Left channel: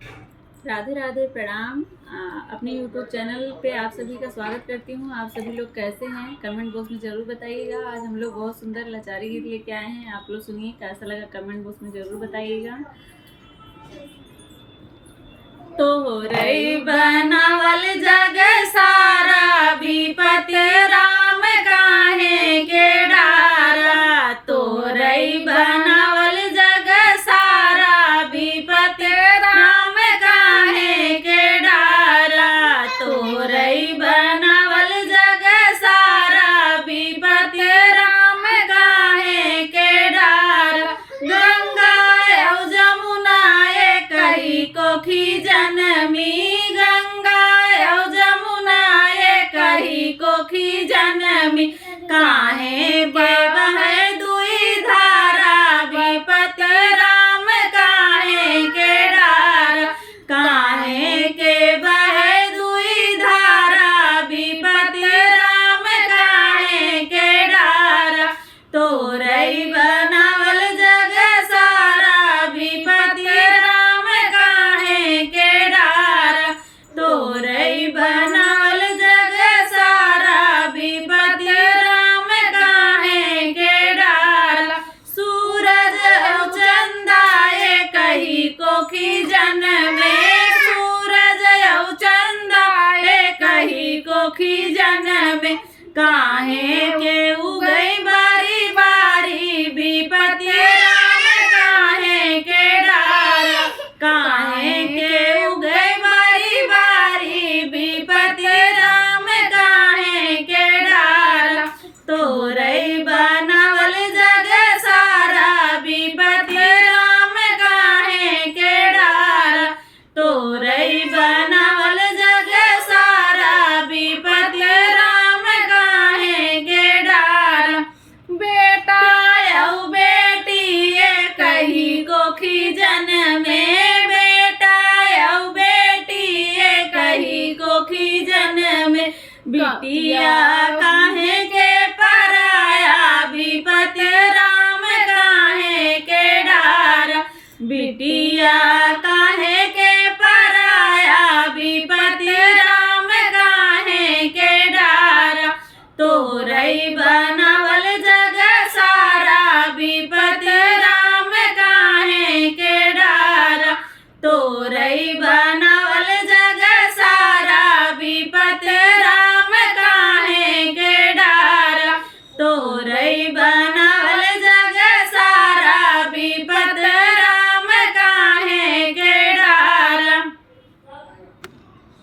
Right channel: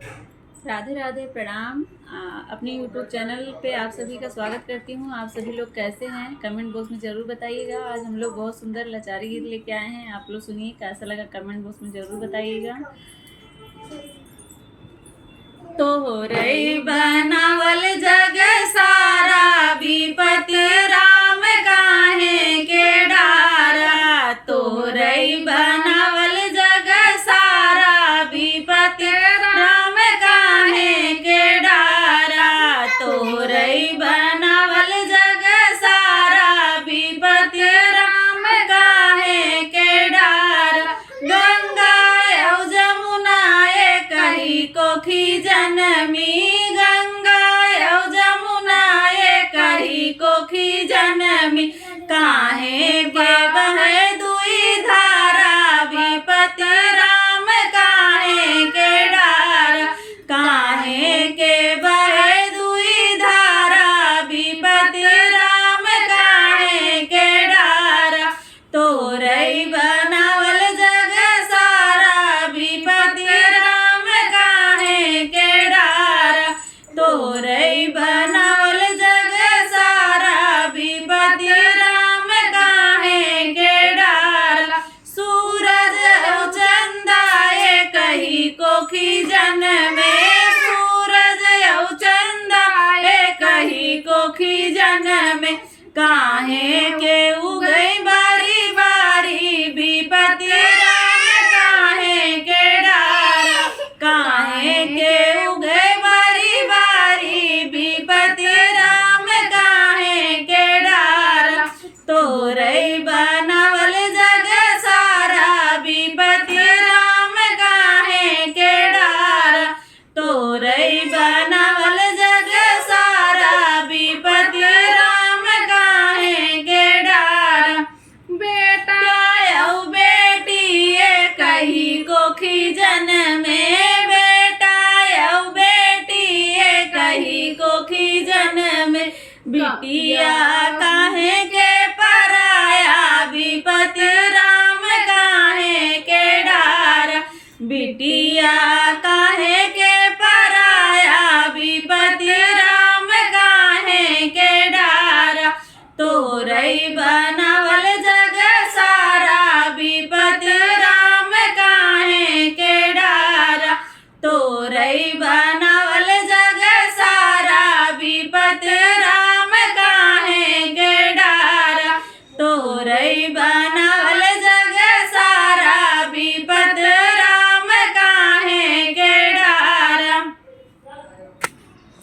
राधे राधे, प्रणाम। अपने YouTube channel पे आप सभी का स्वागत करती हूँ। आप सभी लोग कैसे हैं, कमेंट बॉक्स में ज़रूर बताइएगा। आज हम लोग बहुत सुंदर लाचारी गीत लेके आए हैं। आप लोग सुनिए, कैसा लगा कमेंट बॉक्स में ज़रूर बताइएगा। तो रई बनावल जग सारा, विपति राम काहे के डारा। तो रई बनावल जग सारा, विपति राम काहे के डारा। तो रई बनावल जग सारा, विपति राम काहे के डारा। गंगा और जमुना एक ही कोखी जनमी, गंगा और जमुना एक ही कोखी जनमी। काहे बहे दुई धारा, विपति राम काहे के डारा। काहे के बहे दुई धारा, विपति राम काहे के डारा। तो रई बनावल जग सारा, विपति राम काहे के डारा। तो रई बनावल जग सारा, विपति राम काहे के डारा। सूरज और चंदा एक ही कोखी जनमे, सूरज और चंदा एक ही कोखी जनमे। काहे के उगई बारी बारी, विपति राम काहे के डारा। काहे के उगई बारी बारी, विपति राम काहे के डारा। तो रई बनावल जग सारा, विपति राम काहे के डारा। तो रई बनावल जग सारा, विपति राम काहे के डारा। बेटा और बेटी एक ही कोखी जनमे, बेटा और बेटी एक ही कोखी जनमे। बिटिया काहे के पराया, विपति राम काहे के डारा। बिटिया काहे के पराया, विपति राम काहे के डारा। तो रई बनावल जग सारा, विपति राम काहे के डारा। तो रई बना